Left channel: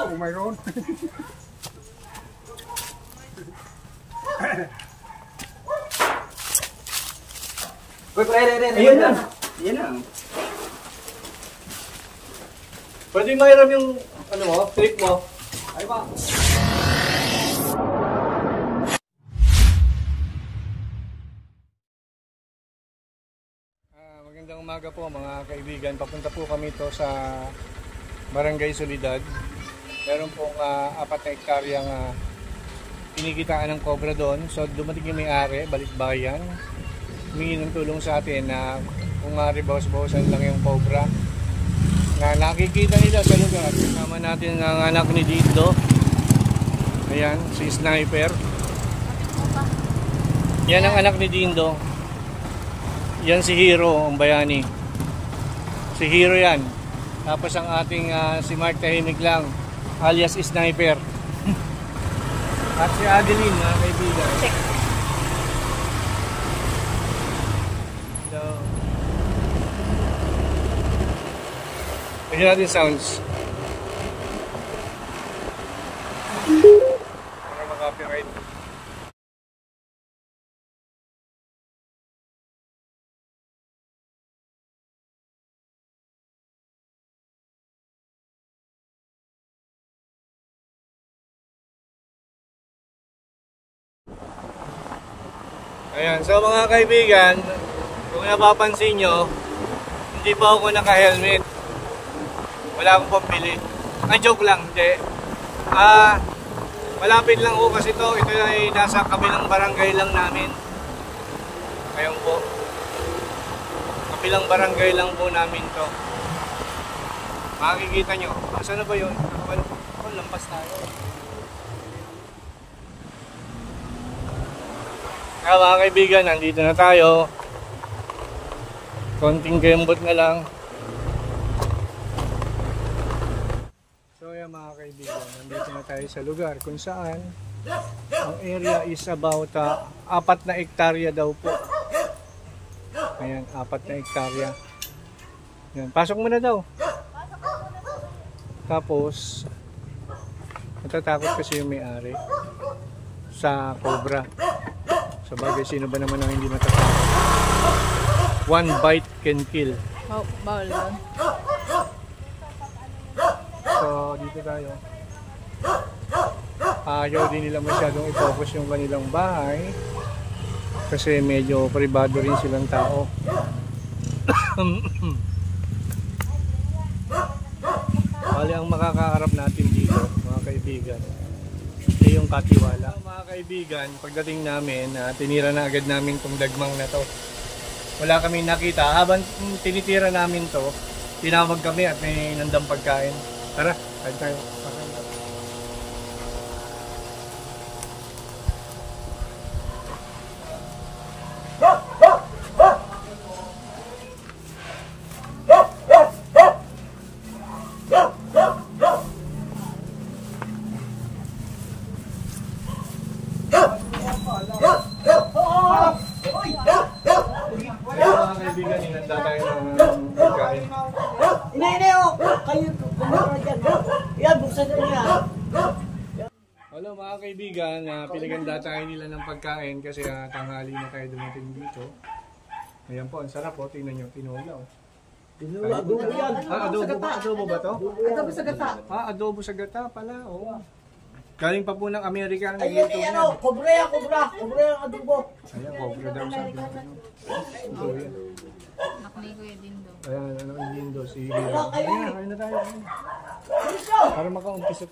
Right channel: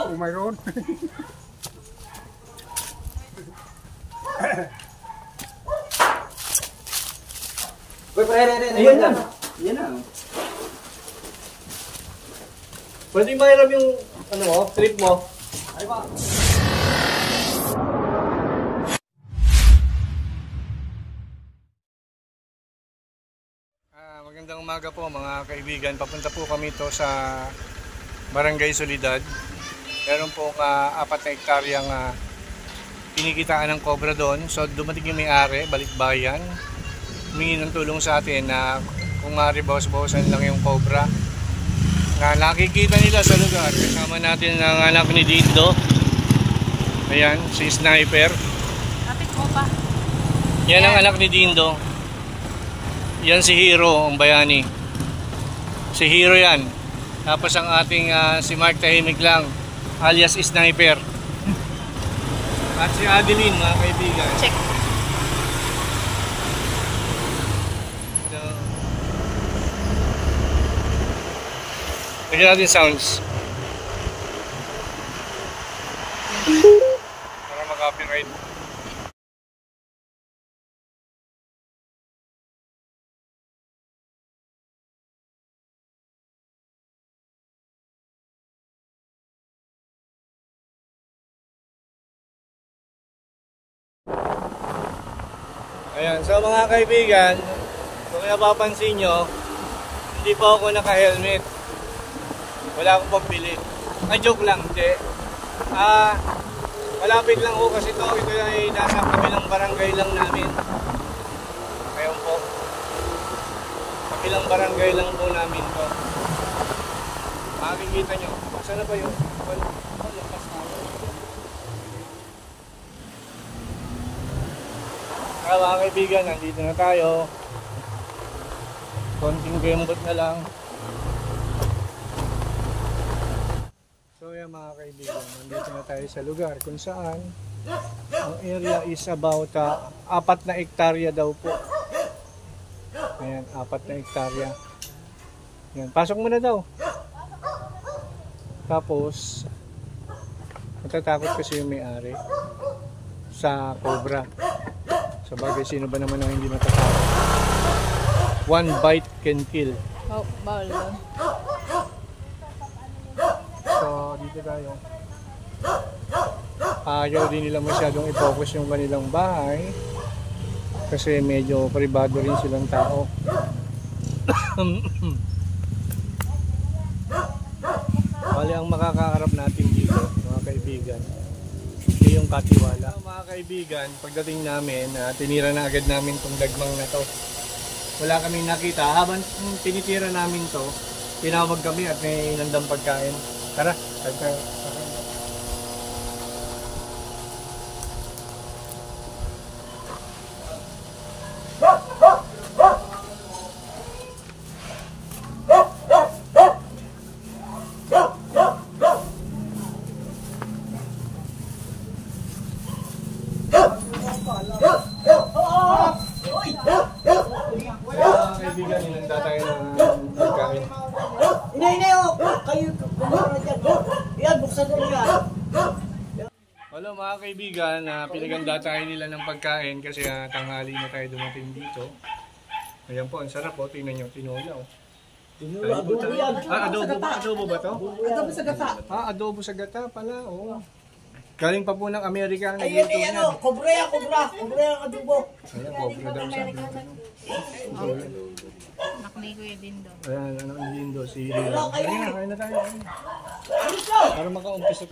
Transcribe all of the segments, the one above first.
Oh, mayroon. Ayan na. Ayan na. Pwede mahiram yung ano mo, trip mo. Ay ba? Magandang umaga po mga kaibigan. Papunta po kami to sa Barangay Solidad. Meron pong 4 na hektaryang kinikitaan ng cobra doon. So dumating yung may-ari, Balikbayan. Humingi ng tulong sa atin na kung maaari bawas-bawasan lang yung cobra na nakikita nila sa lugar. Kasama natin ang anak ni Dindo. Ayan, si Sniper. Yan ang anak ni Dindo. Yan si Hero, ang bayani. Si Hero yan. Tapos ang ating si Mark Tahimik lang, alias Sniper. At si Adeline, mga kaibigan. Check. Lagyan natin sounds para mag-copyright. Ayan, so mga kaibigan, kung napapansin nyo, hindi pa ako naka-helmet. Wala akong pambili. Joke lang, hindi. Malapit lang po kasi ito. Ito ay nasa kabilang barangay lang namin. Ayun po. Kabilang barangay lang po namin to. Makikita nyo. Saan na ba yun? Lampas tayo. Kaya mga kaibigan, nandito na tayo. Konting kembot na lang. So yan mga kaibigan, nandito na tayo sa lugar kung saan ang area is about 4 na hektarya daw po. Ayan, 4 na hektarya. Yan, pasok mo na daw. Tapos natatakot kasi yung may-ari sa cobra. Sa bagay, sino ba naman ang hindi matatakot? 1 bite can kill. Oh, bawal yun. So dito tayo. Ayaw din nila masyadong i-focus yung kanilang bahay kasi medyo privado rin silang tao. Bali ang makakaharap natin dito mga kaibigan ay yung katiwala. So, mga kaibigan, pagdating namin tinira na agad namin tong dagmang na to. Wala kaming nakita. Habang tinitira namin to, tinawag kami at may nandang pagkain. Tara, kahit tayo. Kaibigan, inanda tayo ng pagkain. Kayo kumara dyan. Yan, buksan na yan. Hello mga kaibigan, pinaganda tayo nila ng pagkain kasi tanghali na tayo dumating dito. Ayan po, ang sarap po. Tingnan nyo, tinulaw. Adobo yan. Adobo ba to? Adobo sa gata. Adobo sa gata pala, oo. Galing pa po ng Amerika. Ayan, ano, kobra yan, kobra. Kobra yung adobo. Ayan, kobra daw sabi. Nakli ko yung Dindo. Ayan, ano ang Dindo, si Hero. Ayan, kain na tayo. Para makaumpisa.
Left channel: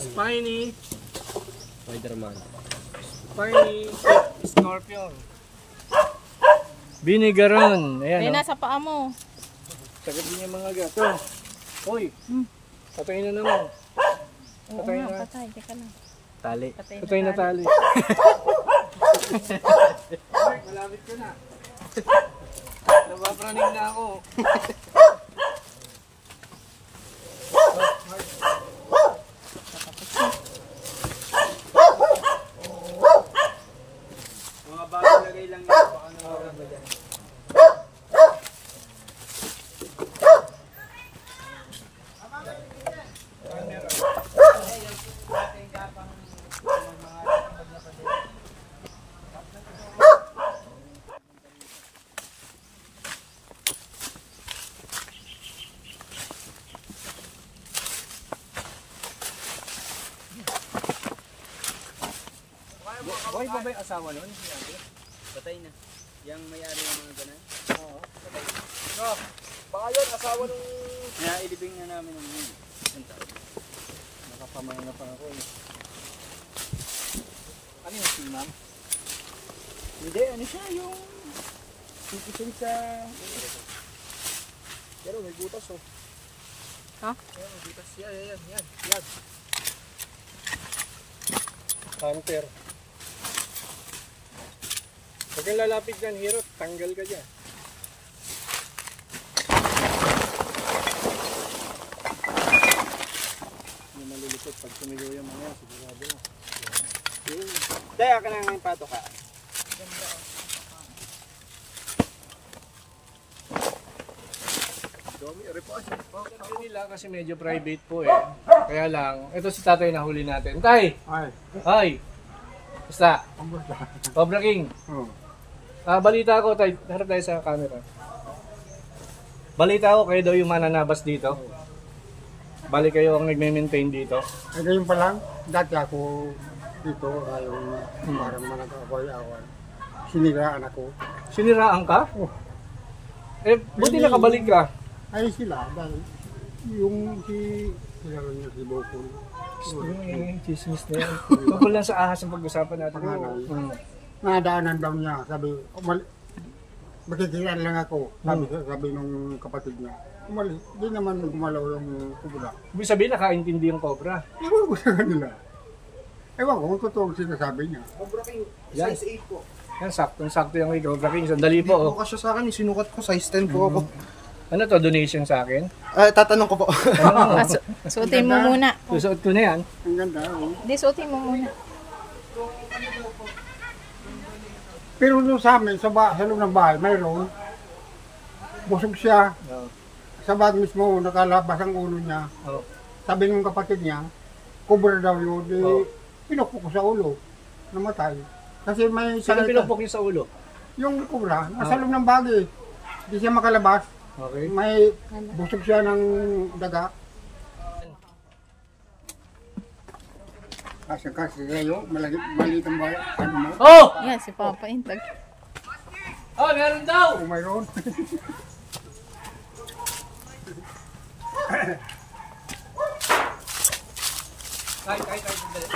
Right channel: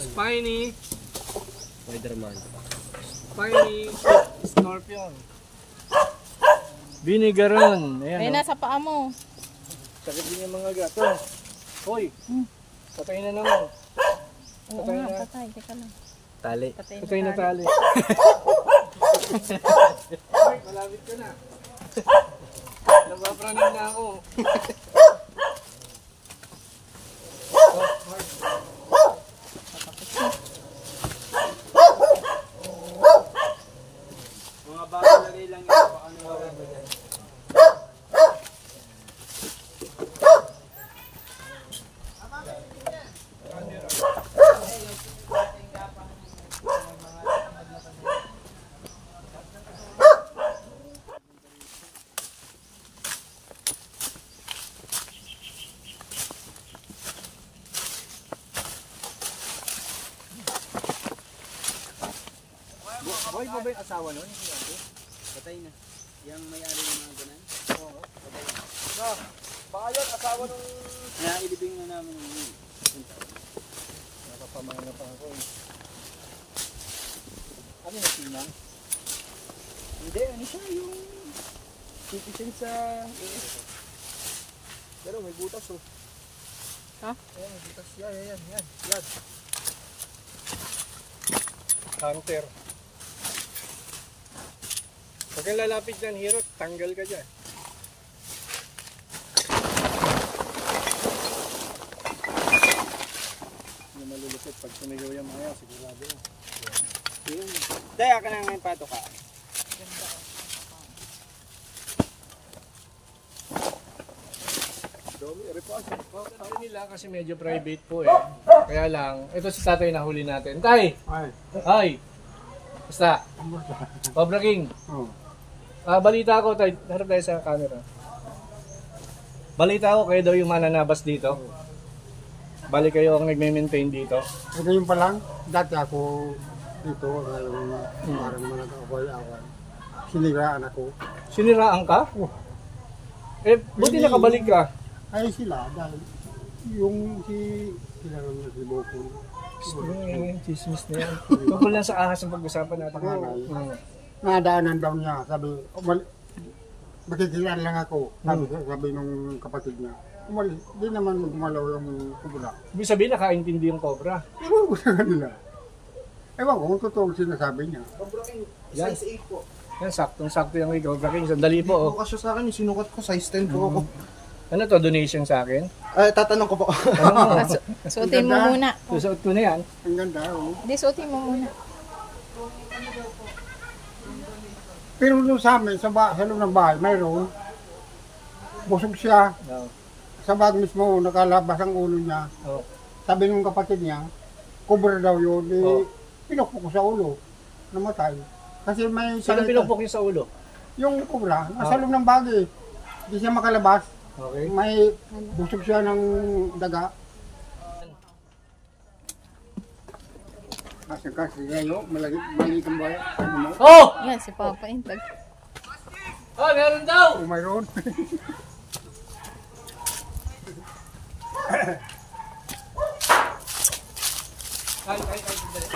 Spiny. Spider-Man. Spiny. Scorpion. Binigaron. Ay, Ayan, oh. nasa paa mo. Sakit din yung mga gato. Hoy. Patay na naman. Oo Patay nga, na. patay. Teka lang. Tali. Patay na tali. Ay, malapit ka na. Nabapraning na ako. Mga bagong lagay lang yun. Baka nawagan ba dyan? Buhay pa ba yung asawa nun? Patay na. Yung may-ari ng mga ganan. Baka yun, asawa nung... Kaya ilibing na namin ng yun. Nakapamana pa ako eh. Ano yung sinang? Hindi, ano siya yung... Tipisin sa... Pero may butas oh. Ha? Ayan, may butas. Yan. Yan. Hunter. Huwag kang lalapit dyan, Hero. Tanggal ka dyan. Yung malulupit. Pag sumigaw yung mga, sigurado na. Daya ka na ngayon pato ka. Domi, repose. Sabi nila kasi medyo private po eh. Kaya lang, ito si tatay na huli natin. Tay! Ay. Ay! Basta? Cobra King. Oh. Balita ko, tay, harap tayo sa camera. Balita ko kayo daw yung mananabas dito. Bali kayo ang nagme-maintain dito. Eh, ngayon pa lang, dati ako dito, ngayon parang manag-away-away. Siniraan ako. Siniraan ka? Oh. Eh, buti nakabalik ka. Ay sila, dahil yung sila niya si Bokul. Yung chismis na yan. Tungkol lang sa ahas ang pag-usapan natin. Panganay. Hmm. Nadaanan daw niya, sabi, makikilan lang ako, sabi nung kapatid niya. Umalis, di naman gumalaw yung kubula. Ibig sabihin, nakaintindi yung cobra. Ewan ko sa kanila. Ewan ko kung totoo ang sinasabi niya. Cobra King, Yan. size 8 po. Yan, saktong-sakto yung kay Cobra King. Sandali po, oh. Kasya sa akin, sinukat ko, size 10 po ako. Ano to, donation sa akin? Tatanong ko po. Ano mo? Suotin mo muna. Susuot ko na yan. Ang ganda, oh. Hindi, suotin mo muna. Pero doon sa amin, sa loob ng bahay, mayroon. Busog siya. Oh. Sa bag mismo, nakalabas ang ulo niya. Oh. Sabi ng kapatid niya, cobra daw yun. Di, Oh. pinukpok ko sa ulo. Namatay. Kasi may Saan salita. pinupok niyo sa ulo? Yung cobra, nasa loob ng bag eh. Hindi siya makalabas. Okay. May busog siya ng daga. Asa ka si Rayo, maliit ang bayan. Ano mo? Oh! Yan, si Papa Intag. Oh, meron daw! Oh, mayroon. Ay, sandali.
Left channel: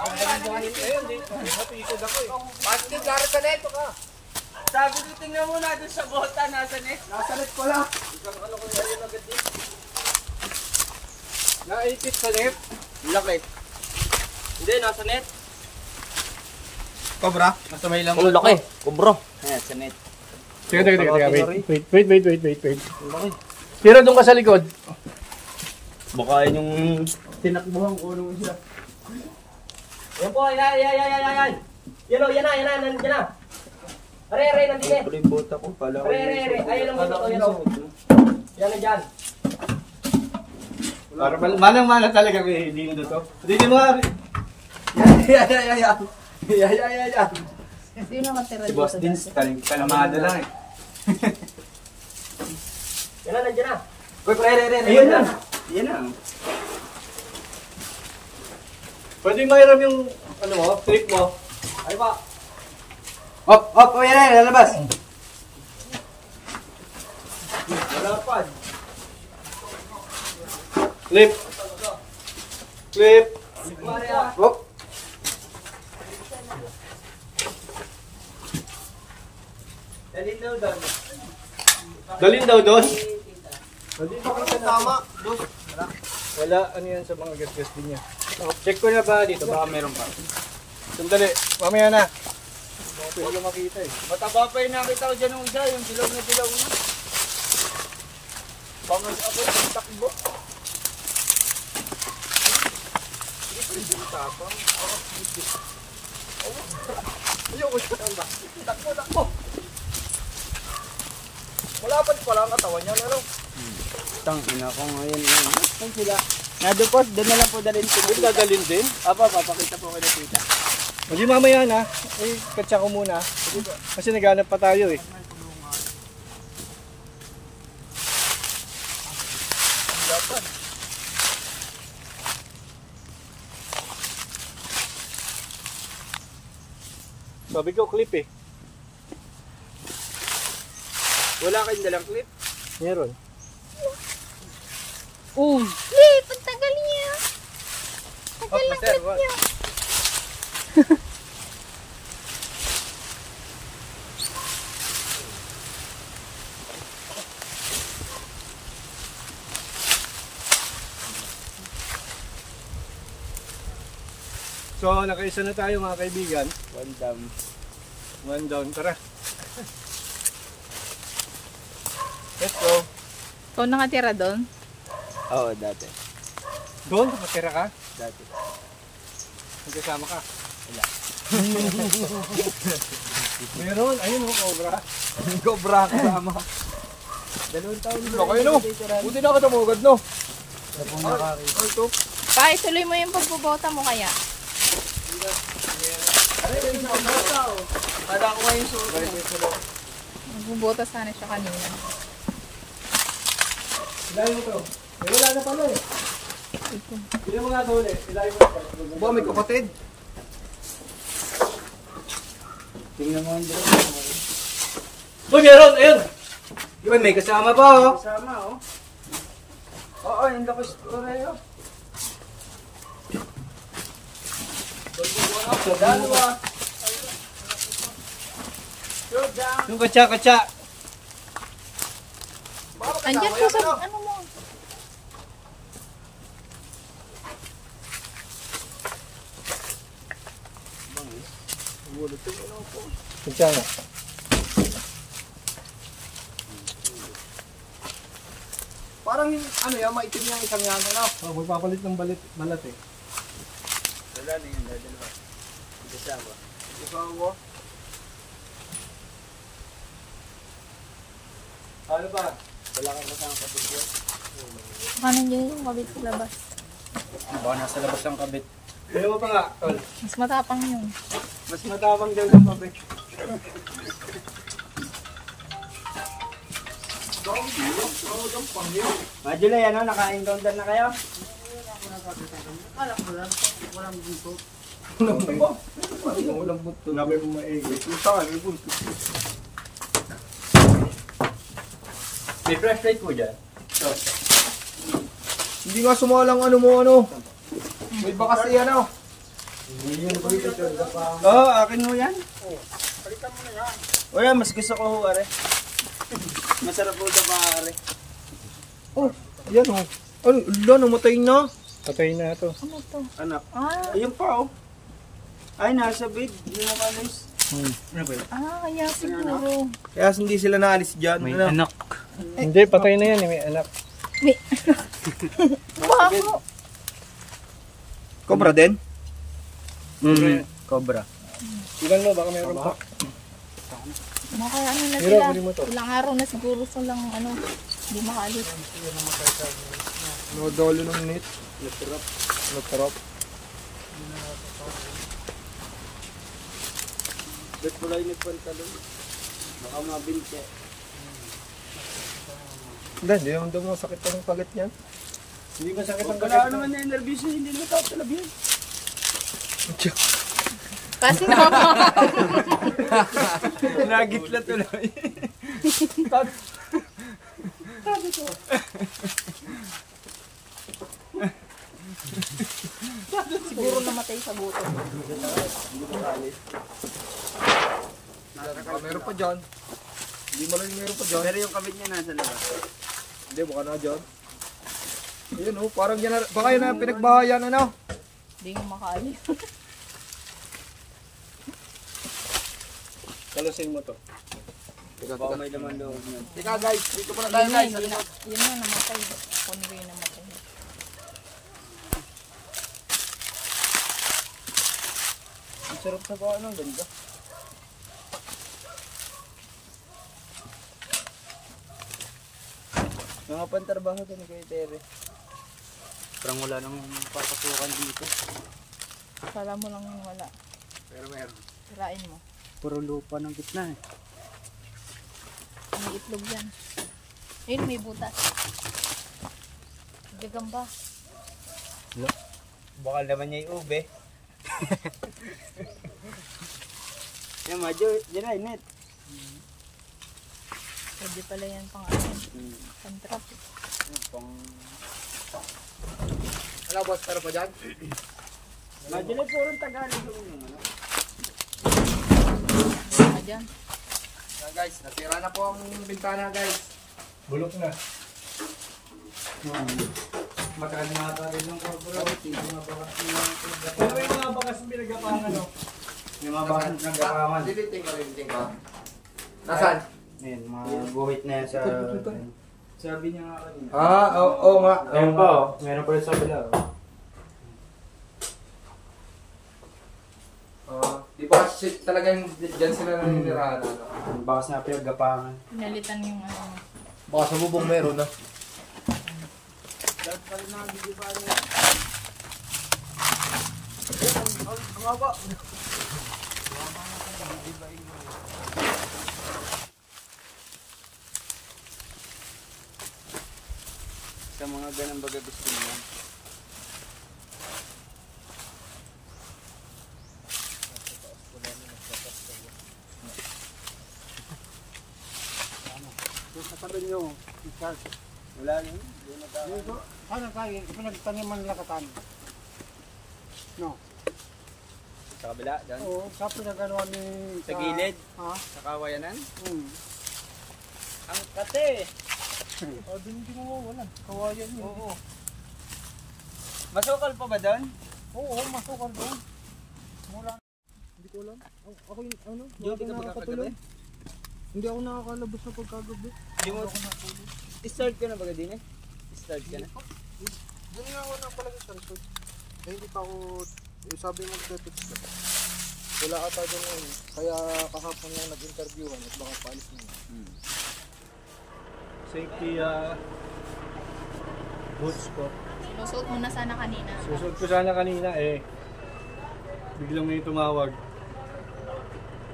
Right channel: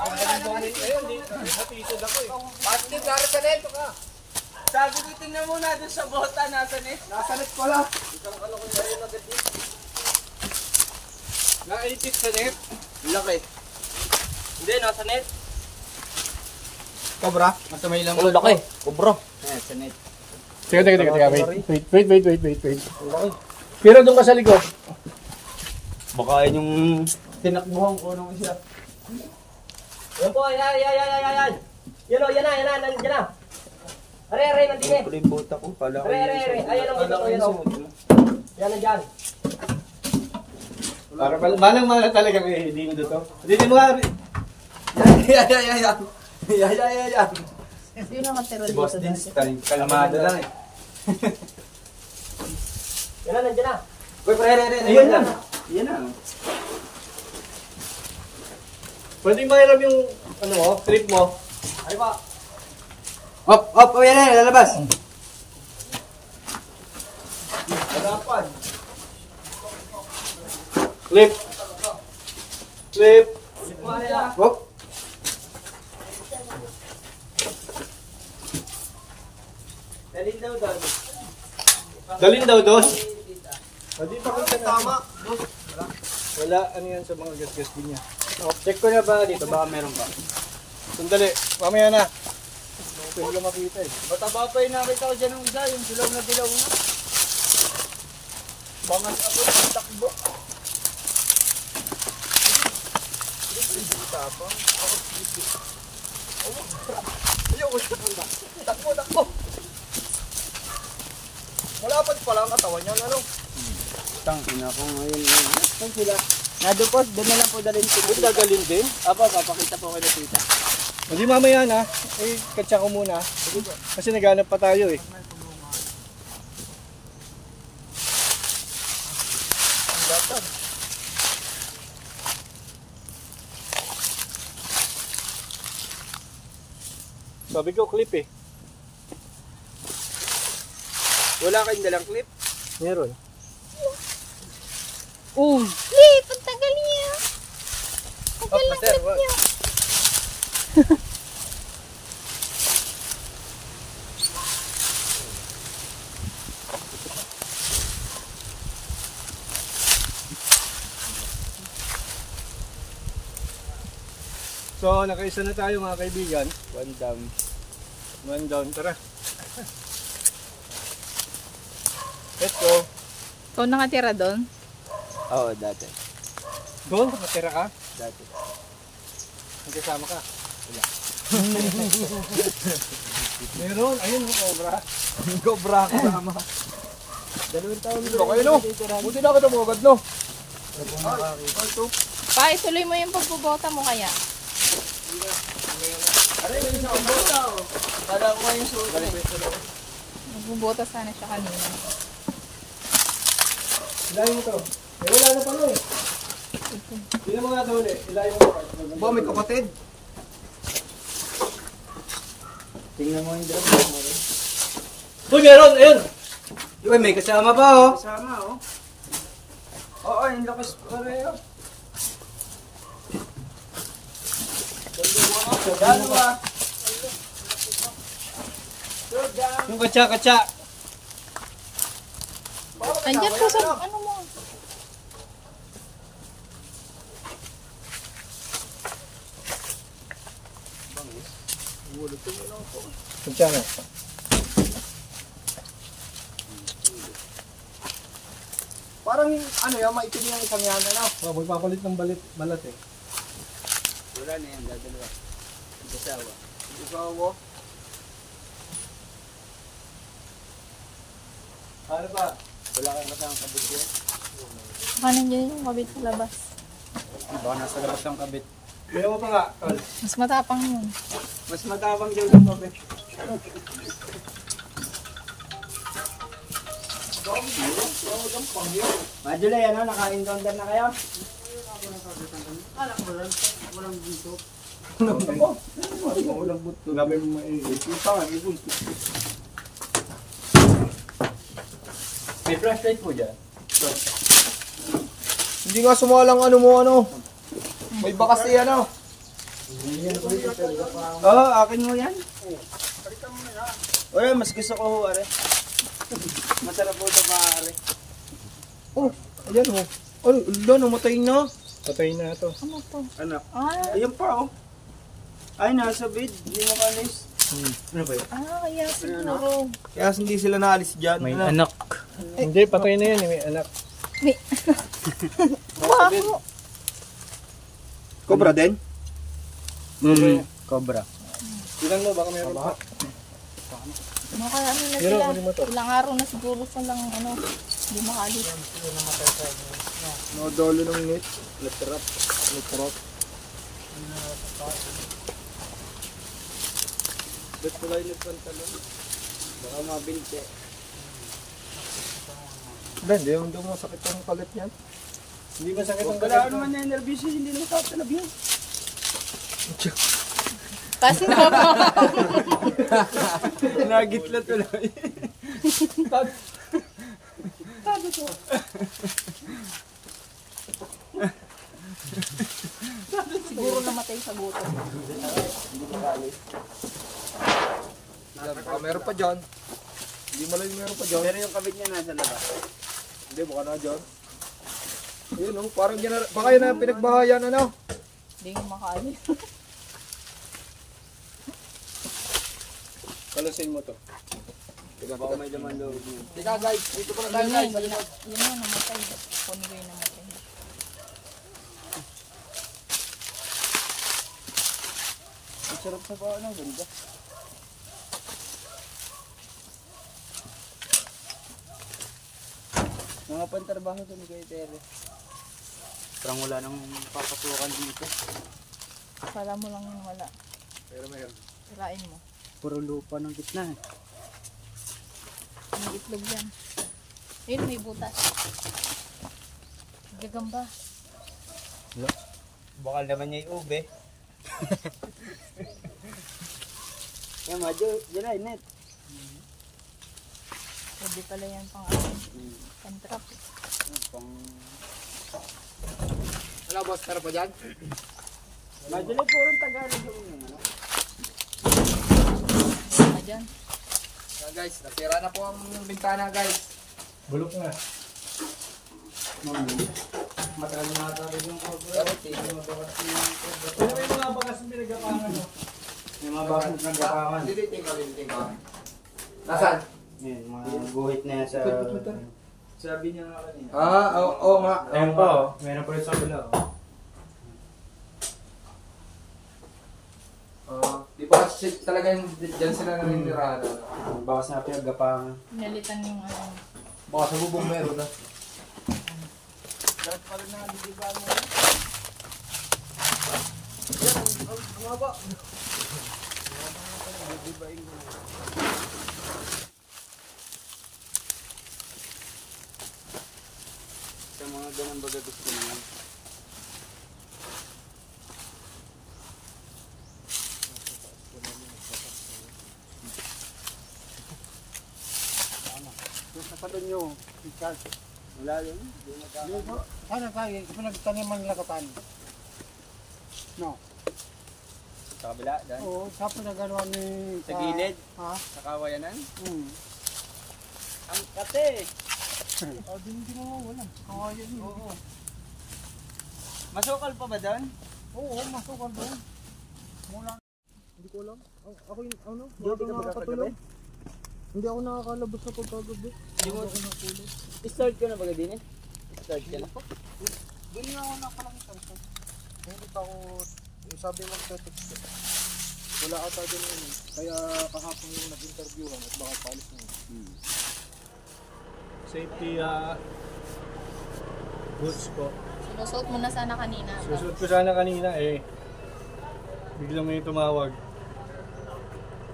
Ayun, napisod ako eh. Bakit din, Lara Canel, ka? Sabi ko, tingnan mo na doon sa bota, nasa net. Nasa net pala. Naipit sa net. Laki. Hindi, nasa net. Cobra? Nasa may lang. Oh, laki. Cobra. Ayan, sa net. Teka, wait. Pero doon ka sa likod. Baka yun yung tinakbuhan ko nung siya. Yan po, yan. Yan na, nandiyan na. Are, nandiyan eh. Puro yung bota ko. Pala ko Are. Ayan ang bota ko, yan o. Yan nandiyan. Para malang-mala talaga may lindo to. Hindi mo nga. Yan. Sino nakatira Si dito? Boss Dins, kalamado lang eh. Yan na, nandiyan na. Uy, pre. Ayun na. Yan na. Pwede mahiram yung ano mo, trip mo. Ay ba? Op, yan na, lalabas. Clip. Clip. Whoop. Dalhin daw doon. Hindi pa kita tama. Wala, ano yan sa mga gastos din niya. Check ko na ba dito? Baka meron pa. Sandali, mamaya na. Hindi ko makita eh. Mataba pa yung nakita ko dyan ng isa, yung dilaw na dilaw na. Bangas ako yung takbo. Takbo. Wala pa pala ang katawan niya, ano? Tangina ko ngayon. Saan sila? Nadupos, doon na lang po dalhin ko. Doon dadalhin din? Papakita po kayo na tita. Hindi mamaya na. Eh, katsa ko muna. Kasi naghanap pa tayo eh. Sabi ko clip eh. Wala kayong dalang clip? Meron. Flip, ang tagal niya. Tagal ng clip niya. So, nakaisa na tayo mga kaibigan. One down. One down, tara. Let's go. Ikaw nakatira doon? Oo, dati. Doon, nakatira ka? Dati. Nagkasama ka? Wala. Meron, ayun mo, cobra. Cobra kasama. Dalawang taon dito. Okay, no? Buti na ako tumugod, no? Pa, ituloy mo yung pagbubota mo kaya. Kala ko ngayon suot. Magbubota sana siya kanina. Ilayin mo to. Eh, wala na pala eh. Hindi mo nga ito ulit. Ilayin mo na pa. Ba, may kapatid. Tingnan mo yung drone. Uy, meron! Ayun! Yun, may kasama pa oh. Kasama oh. Oo, yung lakas pareho. Dalawa. Yung katsa. Andyan po sa ano mo. Katsa na. Parang yung ano yung maitim yung isang yan ano. Oh, magpapalit ng balat eh. Wala na yun, dalawa. Kasama. Kasama. Ano ba? Wala kang kasama kabit yun. Baka nandiyan yung kabit sa labas. Baka nasa labas ang kabit. Kaya mo pa nga, tol. Mas matapang yun. Mas matapang dyan ang kabit. Majulay, ano? Naka-indondan na kayo? Walang buto. Labi mo maiit. May flashlight po dyan. Hindi nga sumalang ano mo ano. May bakas eh ano. Oo, akin mo yan. O yan, mas gusto ko ho, are. Masarap po ito pare. Oh, ayan oh. Ay, ulo, namatay na. Patay na ito. Ano to? Anak. Ah, Ayun pa oh. Ay, nasa bed. Hindi mo kalis. kaya siguro. Kaya hindi sila naalis dyan. May anak. Hindi, patay na yan. May anak. Bako. Cobra din? Cobra. Ilan mo, baka mayroon pa. Mga ano na Meron, sila. pwede mo to. Ilang araw na siguro silang ano. Hindi makaalis. No dolo ng net. Latrap. Ba't pala yung nagpantalong? Baka mabinte. Hindi daw masakit pa ng pagat yan. Hindi masakit ang Wala pagat naman na yung nervous yun, hindi naman tatalab yun. Kasi na Nagitla tuloy. Tato to. sa gutom. Hindi ko kaalis. Meron pa dyan. Hindi mo lang meron pa dyan. Pero yung kabit niya nasa labas. Hindi, baka na dyan. Ayun o, parang baka yun na pinagbahayan ano. Hindi ko makaalis. Kalusin mo to. Baka may laman loob niya. Ika guys, dito pa na tayo guys. Yun na, namatay. Kunin ko yung namatay. Ang sarap sa baka ng ganda. Mga pantarbaho to ni Kuya Tere. Parang wala nang papasukan dito. Kala mo lang yun wala. Pero meron. Sirain mo. Puro lupa ng gitna eh. May itlog yan. Ayun, may butas. Gagamba. Bakal naman niya yung ube. Yan madyo, dyan ay net. Pwede pala yan pang ano. Pang-trap. Ano boss, meron pa dyan? Madyo na puro Tagalog yung ano. Meron dyan. Yan guys, natira na po ang bintana guys. Bulok na. Magkano na tayo yung cobra. Yung mga bakas ng cobra. Ano yung mga bakas ng pinagapangan no? Yung mga bakas ng gapangan. Liliting ka. Nasaan? Yan, mga guhit na yan sa... Sabi niya nga kanina. Oo nga. Ayun pa oh, meron pa rin sa bila oh. Di ba talagang dyan sila naninirahan? Yung bakas na pinagapangan. Pinalitan yung ano. Baka sa bubong meron na. Dahil pala na hindi ba niya? Ang haba. Sa mga ganang baga gusto niya. Naparin nyo, Richard. Wala yun. Ano tayo, pinagtaniman lakatan. No. Sa kabila, dahil. Oo, sa pinaganoan ni... Sa gilid? Ha? Sa kawayanan? Hmm. Ang kate! Hindi mo wala. Kawayan yun. Oo. Masukal pa ba doon? Oo, masukal doon. Mula. Hindi ko alam. Ako yung ano? Duty ka ba nakakatulog. Hindi ako nakakalabas sa pagkagabi. Hindi mo ako natulog. Start ka na ba din eh? Start ka na? Hindi nga ako napalagay sa resort. Eh, hindi pa ako... sabi mo text ko. Wala ata doon yun. Kaya kahapon lang nag-interviewan at baka paalis na yun. Safety boots ko. Sinusuot mo na sana kanina. Susunod ko sana kanina eh. Biglang may tumawag.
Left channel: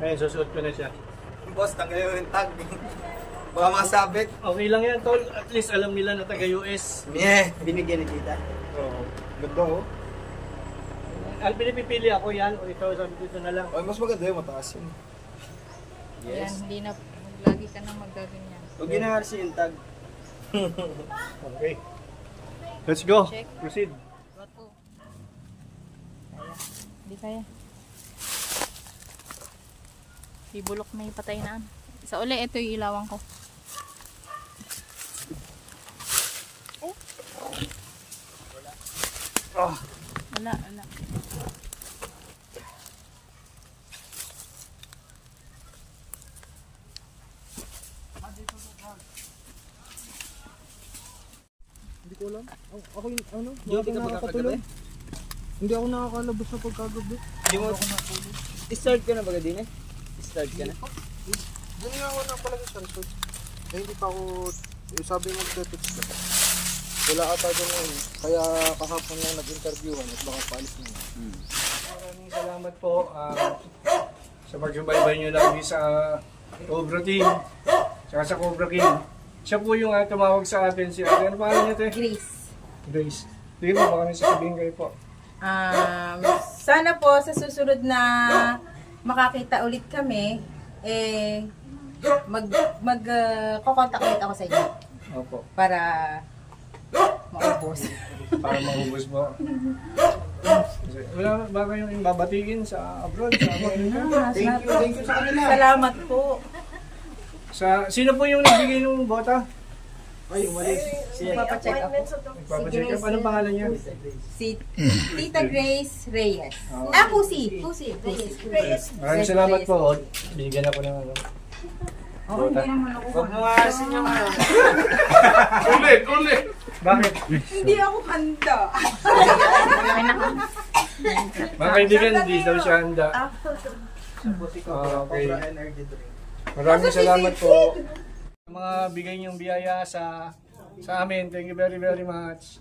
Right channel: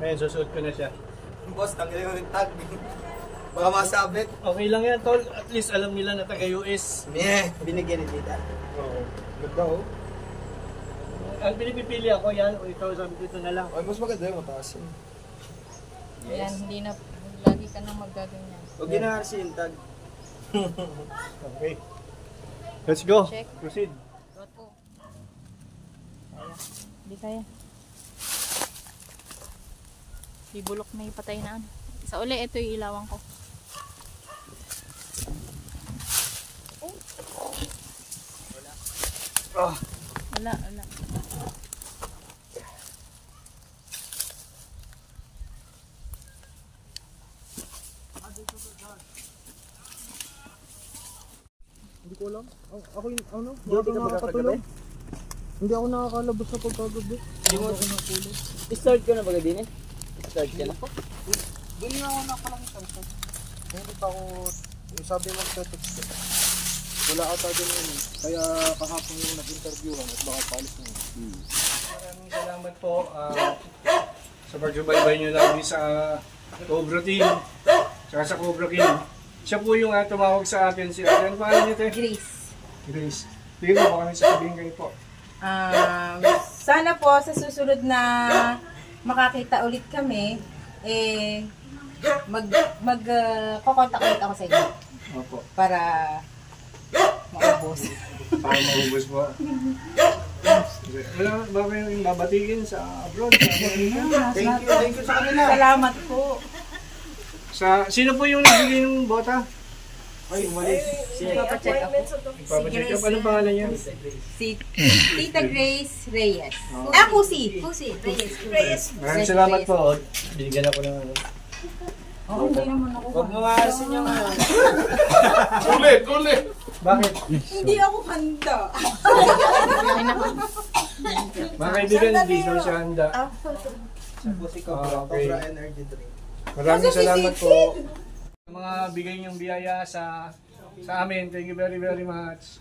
Ngayon, susuot ko na siya. Boss, tagay yung tag. Baka masabit. Okay lang yan, tol. At least alam nila na taga-US. Binigyan ni tita. Oo. Ganda oh. Ang pinipili ako yan, o ito, sabi ko ito na lang. Ay, mas maganda yung mataas yun. Yan, hindi na. Lagi ka nang magaganyan. Huwag ginaharsi yung tag. Okay. Let's go. Check. Proceed. Buat po. Kaya. Hindi kaya. Ibulok na ipatay na. Isa uli, ito yung ilawan ko. Wala, wala. Hindi ko alam. Ako yung ano? Duty ka ba nakakatulog. Hindi ako nakakalabas sa pagkagabi. Hindi mo ako natulog. Start ka na ba din eh? Start ka na? Hindi nga ako napalagay sa resort. Eh, hindi pa ako... sabi mo text ko. Wala ata doon yun. Kaya kahapon lang nag-interviewan at baka paalis na yun. Maraming salamat po sa pagsubaybay nyo lagi sa Cobra Team, saka sa Cobra King. Siya po yung tumawag sa akin. Si ano pangalan niyo, te? Grace. Grace. Hindi mo baka nang sasabihin kayo po. Sana po sa susunod na makakita ulit kami, kukontak ulit ako sa inyo Opo. para maubos. Para maubos po. Wala ba kayong babatigin sa abroad? Thank you sa kanila. Salamat po. Sino po yung nagbigay ng bota? Ay, umalis. Papacheck up. Papacheck up. Anong pangalan niya? Si Tita Grace Reyes. Pusi. Pusi. Reyes. Maraming salamat po. Bigyan ako ng ano. Oo, hindi naman ako. Huwag mo maasin yung ano. Ulit. Bakit? Hindi ako handa. Mga kaibigan, hindi daw siya handa. Okay. Maraming salamat po. Mga bigay niyong biyaya sa amin. Thank you very much.